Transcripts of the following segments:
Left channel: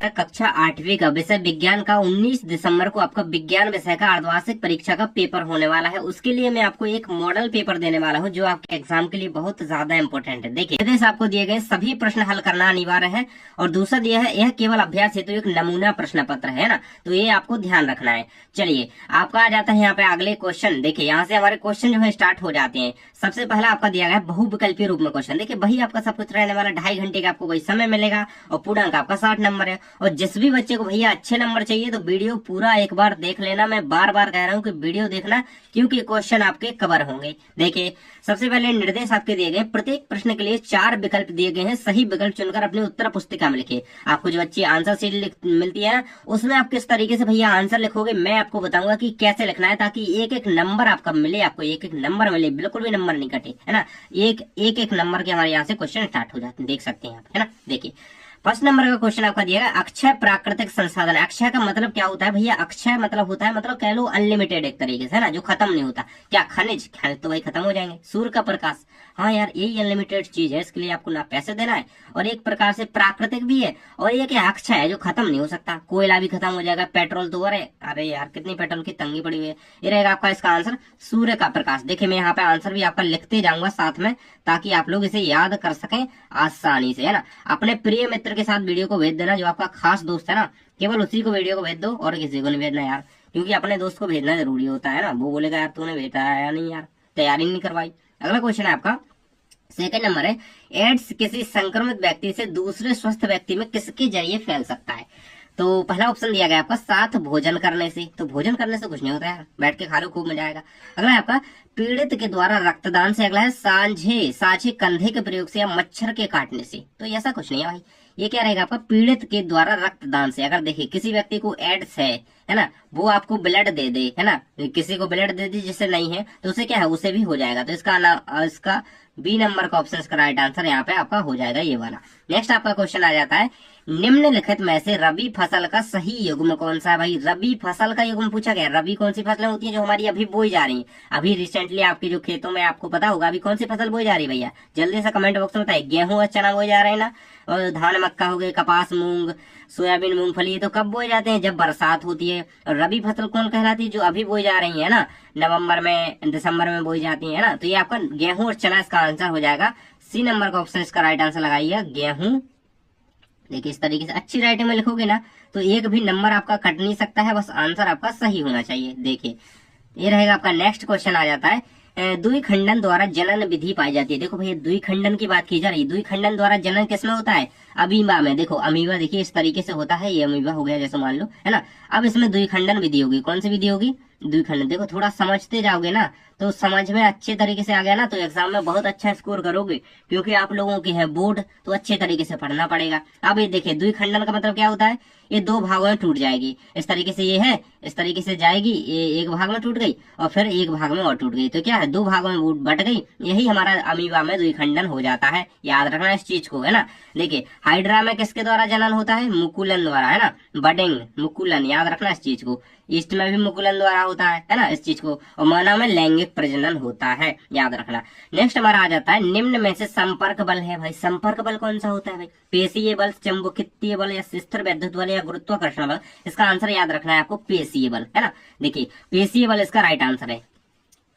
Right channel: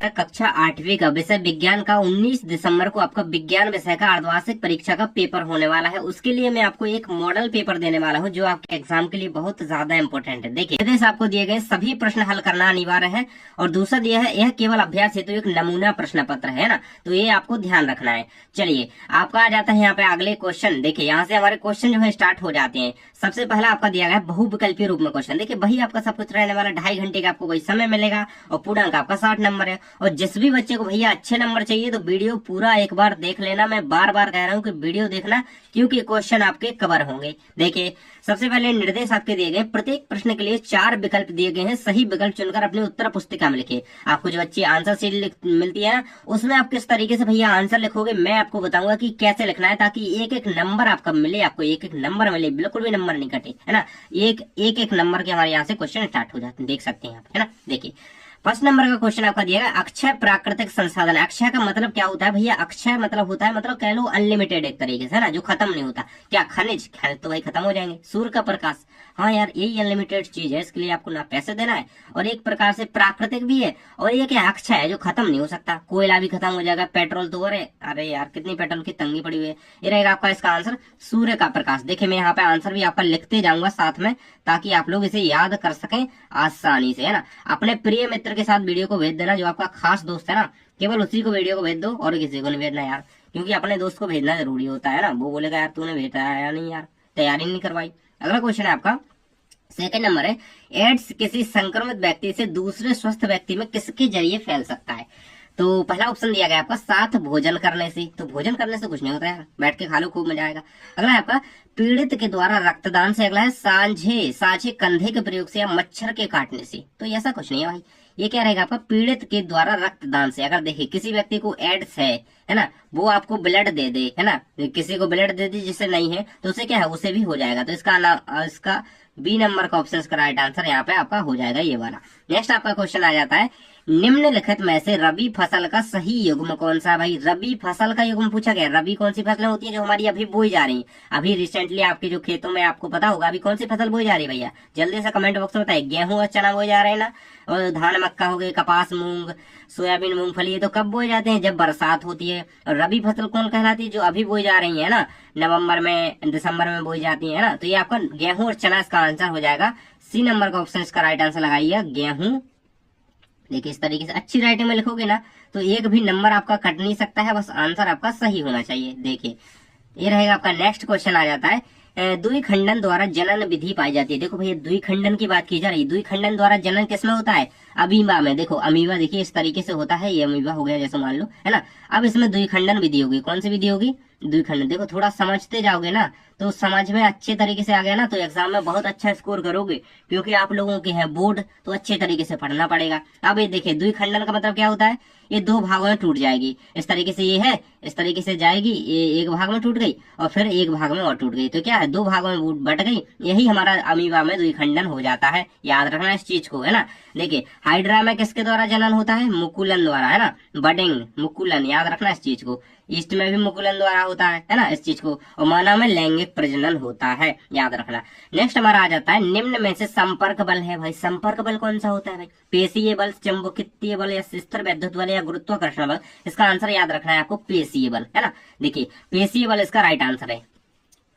कक्षा 8वीं का विषय विज्ञान का 19 दिसंबर को आपका विज्ञान विषय का अर्धवार्षिक परीक्षा का पेपर होने वाला है। उसके लिए मैं आपको एक मॉडल पेपर देने वाला हूं जो आपके एग्जाम के लिए बहुत ज्यादा इंपॉर्टेंट है। देखिए निर्देश आपको दिए गए सभी प्रश्न हल करना अनिवार्य है और दूसरा दिया है यह केवल अभ्यास हेतु एक नमूना प्रश्न पत्र है ना, तो ये आपको ध्यान रखना है। चलिए आपका आ जाता है यहाँ पे अगले क्वेश्चन। देखिए यहाँ से हमारे क्वेश्चन जो है स्टार्ट हो जाते हैं। सबसे पहला आपका दिया गया बहुविकल्पीय रूप में क्वेश्चन। देखिए वही आपका सब कुछ रहने वाला, 2.5 घंटे का आपको वही समय मिलेगा और पूर्णांक आपका 60 नंबर है। और जिस भी बच्चे को भैया अच्छे नंबर चाहिए तो वीडियो पूरा एक बार देख लेना। मैं बार बार कह रहा हूँ कि वीडियो देखना क्योंकि क्वेश्चन आपके कवर होंगे। देखिए सबसे पहले निर्देश आपके दिए गए, प्रत्येक प्रश्न के लिए 4 विकल्प दिए गए हैं। सही विकल्प चुनकर अपनी उत्तर पुस्तिका में लिखिए। आपको जो अच्छी आंसर शीट मिलती है ना उसमें आप किस तरीके से भैया आंसर लिखोगे मैं आपको बताऊंगा कि कैसे लिखना है, ताकि एक एक नंबर आपका मिले, आपको एक एक नंबर मिले, बिल्कुल भी नंबर नहीं कटे, है ना। एक नंबर के हमारे यहाँ से क्वेश्चन स्टार्ट हो जाते हैं, देख सकते हैं आप, है ना। देखिए फर्स्ट नंबर का क्वेश्चन आपका दिया गया, अक्षय प्राकृतिक संसाधन। अक्षय का मतलब क्या होता है भैया? अक्षय मतलब होता है, मतलब कह लो अनलिमिटेड एक तरीके से, है ना, जो खत्म नहीं होता। क्या खनिज? खनिज तो भाई खत्म हो जाएंगे। सूर्य का प्रकाश, हाँ यार यही अनलिमिटेड चीज है, इसके लिए आपको ना पैसे देना है और एक प्रकार से प्राकृतिक भी है और ये क्या अक्षय है जो खत्म नहीं हो सकता। कोयला भी खत्म हो जाएगा, पेट्रोल तो अरे यार कितनी पेट्रोल की तंगी पड़ी हुई है। ये रहेगा आपका इसका आंसर सूर्य का प्रकाश। देखिए मैं यहाँ पे आंसर भी आपका लिखते जाऊंगा साथ में ताकि आप लोग इसे याद कर सकें आसानी से, है ना। अपने प्रिय मित्र के साथ वीडियो को भेज देना, जो आपका खास दोस्त है ना, केवल उसी को वीडियो को भेज दो और किसी को नहीं भेजना यार, क्योंकि अपने दोस्त को भेजना जरूरी होता है ना। वो बोलेगा यार तूने भेजा है या नहीं यार, तैयारी नहीं करवाई। अगला क्वेश्चन है आपका सेकंड नंबर है, एड्स किसी संक्रमित व्यक्ति से दूसरे स्वस्थ व्यक्ति में किसके जरिए फैल सकता है? तो पहला ऑप्शन दिया गया आपका साथ भोजन करने से। तो भोजन करने से कुछ नहीं होता है, बैठ के खा लो खूब मजा आएगा। अगला है आपका पीड़ित के द्वारा रक्तदान से। अगला है साझे कंधे के प्रयोग से या मच्छर के काटने से। तो ऐसा कुछ नहीं है भाई, ये क्या रहेगा आपका पीड़ित के द्वारा रक्तदान से। अगर देखिए किसी व्यक्ति को एड्स है ना, वो आपको ब्लड दे दे, है ना, किसी को ब्लड दे दी जिससे नहीं है तो उसे क्या है, उसे भी हो जाएगा। तो इसका बी नंबर का ऑप्शन का राइट आंसर यहाँ पे आपका हो जाएगा ये वाला। नेक्स्ट आपका क्वेश्चन आ जाता है, निम्नलिखित में से रबी फसल का सही युग्म कौन सा है? भाई रबी फसल का युग्म पूछा गया। रबी कौन सी फसलें होती है जो हमारी अभी बोई जा रही है? अभी रिसेंटली आपके जो खेतों में आपको पता होगा अभी कौन सी फसल बोई जा रही है भैया, जल्दी से कमेंट बॉक्स में बताइए। गेहूं और चना बोए जा रहे हैं ना, और धान मक्का हो गए, कपास मूंग सोयाबीन मूंगफली, ये तो कब बोए जाते हैं? जब बरसात होती है। और रबी फसल कौन कहलाती है? जो अभी बोई जा रही है ना, नवंबर में दिसंबर में बोई जाती है ना। तो ये आपका गेहूं और चना इसका आंसर हो जाएगा। सी नंबर का ऑप्शन इसका राइट आंसर लगाइए गेहूं। देखिए इस तरीके से अच्छी राइटिंग में लिखोगे ना तो एक भी नंबर आपका कट नहीं सकता है, बस आंसर आपका सही होना चाहिए। देखिए ये रहेगा आपका। नेक्स्ट क्वेश्चन आ जाता है, द्विखंडन द्वारा जनन विधि पाई जाती है। देखो भैया द्विखंडन की बात की जा रही है। द्विखंडन द्वारा जनन किसमें होता है? अमीबा में। देखो अमीबा देखिए इस तरीके से होता है, ये अमीबा हो गया जैसे मान लो, है ना। अब इसमें द्विखंडन विधि होगी। कौन सी विधि होगी? द्विखंडन। देखो थोड़ा समझते जाओगे ना तो समझ में अच्छे तरीके से आ गया ना तो एग्जाम में बहुत अच्छा स्कोर करोगे, क्योंकि आप लोगों की है बोर्ड तो अच्छे तरीके से पढ़ना पड़ेगा। अब ये देखिए द्विखंडन का मतलब क्या होता है? ये दो भागों में टूट जाएगी। इस तरीके से ये है, इस तरीके से जाएगी, ये एक भाग में टूट गई और फिर एक भाग में और टूट गई। तो क्या है, दो भागों में बट गई। यही हमारा अमीबा में द्विखंडन हो जाता है। याद रखना इस चीज को, है ना। देखिए हाइड्रा में किसके द्वारा जनन होता है? मुकुलन द्वारा, है ना। बडिंग मुकुलन, याद रखना इस चीज को। ईस्ट में भी मुकुलन द्वारा होता है ना इस चीज को। और मानव में लैंगिक प्रजनन होता है, याद रखना। नेक्स्ट हमारा आ जाता है, निम्न में से संपर्क बल है। भाई संपर्क बल कौन सा होता है? भाई पेशीय बल, चुंबकीय बल या स्थिर विद्युत बल या गुरुत्वाकर्षण बल। इसका आंसर याद रखना है आपको पेशीय बल, है ना। देखिए पेशीय बल इसका राइट आंसर है।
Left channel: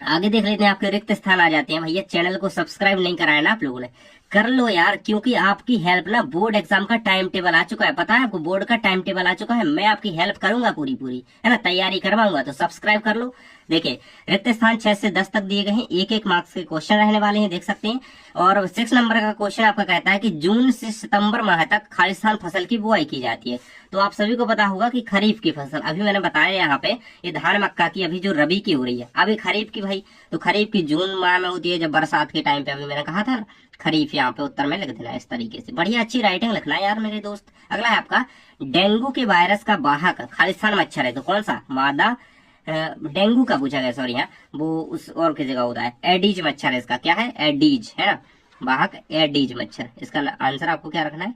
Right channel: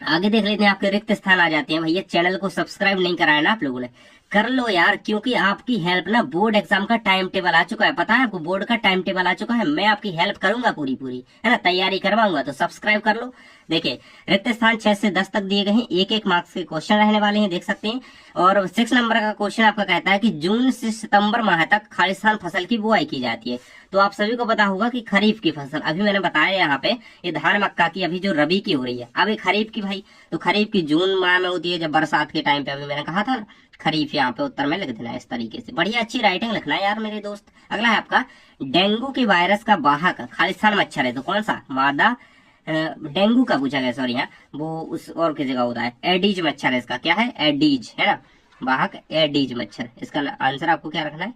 आगे देख लेते हैं, आपके रिक्त स्थान आ जाते हैं। भैया चैनल को सब्सक्राइब नहीं कराया ना आप लोगों ने, कर लो यार, क्योंकि आपकी हेल्प ना, बोर्ड एग्जाम का टाइम टेबल आ चुका है, पता है आपको, बोर्ड का टाइम टेबल आ चुका है। मैं आपकी हेल्प करूंगा पूरी पूरी, है ना, तैयारी करवाऊंगा, तो सब्सक्राइब कर लो। देखिए रिक्त स्थान 6 से 10 तक दिए गए हैं, एक मार्क्स के क्वेश्चन रहने वाले हैं, देख सकते हैं। और 6 नंबर का क्वेश्चन आपका कहता है कि जून से सितंबर माह तक खालिस्तान फसल की बुआई की जाती है। तो आप सभी को पता होगा कि खरीफ की फसल, अभी मैंने बताया यहाँ पे, ये धान मक्का की अभी जो रबी की हो रही है, अभी खरीफ की भाई, तो खरीफ की जून माह में होती है जब बरसात के टाइम पे, अभी मैंने कहा था ना। खरीफ यहाँ पे उत्तर में लिख देना इस तरीके से, बढ़िया अच्छी राइटिंग लिखना है यार मेरे दोस्त। अगला है आपका, डेंगू के वायरस का वाहक खालिस्तान मच्छर है, तो कौन सा? मादा डेंगू का पूछा गया, सॉरी, यहाँ वो उस और की जगह होता है, एडीज मच्छर है इसका, क्या है? एडीज, है ना, वाहक एडीज मच्छर। इसका आंसर आपको क्या रखना है?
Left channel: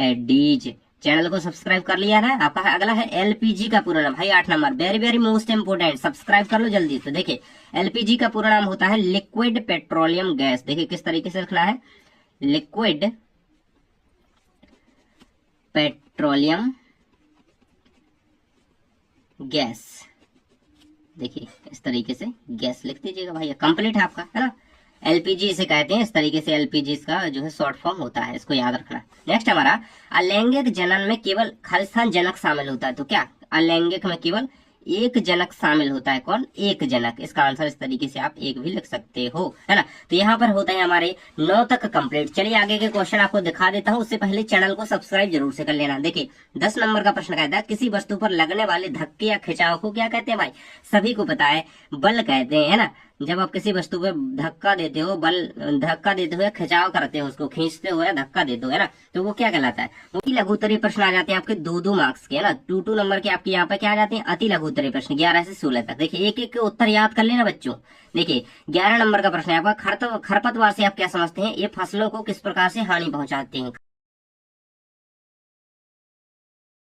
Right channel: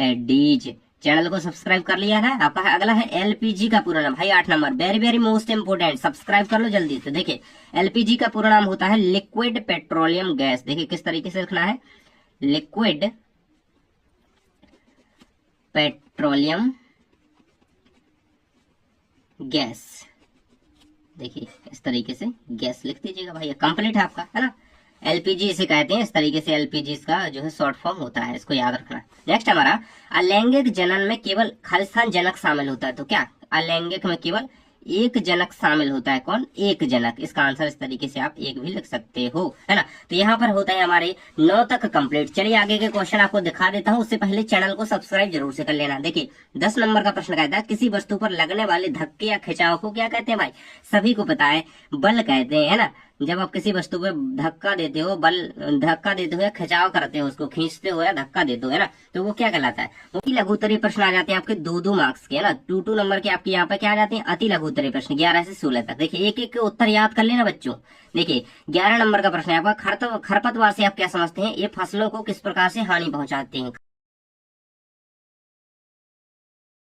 एडीज। चैनल को सब्सक्राइब कर लिया है आपका। अगला है एलपीजी का पूरा नाम। भाई 8 number, very very most important, subscribe कर लो जल्दी से। देखिए एलपीजी का पूरा नाम होता है लिक्विड पेट्रोलियम गैस। देखिए किस तरीके से लिखना है, लिक्विड पेट्रोलियम गैस। देखिए इस तरीके से गैस लिख दीजिएगा भाई, कंप्लीट है आपका, है ना। एलपीजी इसे कहते हैं, इस तरीके से एलपीजी इसका जो है शॉर्ट फॉर्म होता है, इसको याद रखना। नेक्स्ट हमारा, अलैंगिक जनन में केवल खालिस्तान जनक शामिल होता है, तो क्या अलैंगिक में केवल एक जनक शामिल होता है, कौन, एक जनक। इसका आंसर इस तरीके से आप एक भी लिख सकते हो, है ना। तो यहाँ पर होता है हमारे 9 तक कंप्लीट। चलिए आगे के क्वेश्चन आपको दिखा देता हूँ, उससे पहले चैनल को सब्सक्राइब जरूर से कर लेना। देखिए 10 नंबर का प्रश्न कहता है, किसी वस्तु पर लगने वाले धक्के या खिंचाव को क्या कहते हैं भाई, सभी को पता है, बल कहते हैं, है ना। जब आप किसी वस्तु पे धक्का देते हो, बल धक्का देते हो या खिंचाव करते हो, उसको खींचते हो या धक्का देते हो, है ना, तो वो क्या कहलाता है। अति लघु उत्तरीय प्रश्न आ जाते हैं आपके 2-2 मार्क्स के, है ना। 2-2 नंबर के आपके यहाँ पे क्या आ जाते हैं, अति लघु उत्तरीय प्रश्न 11 से 16 तक। देखिए एक एक के उत्तर याद कर लेना बच्चों। देखिए 11 नंबर का प्रश्न है आपका, खरपतवार से आप क्या समझते हैं, ये फसलों को किस प्रकार से हानि पहुंचाते हैं।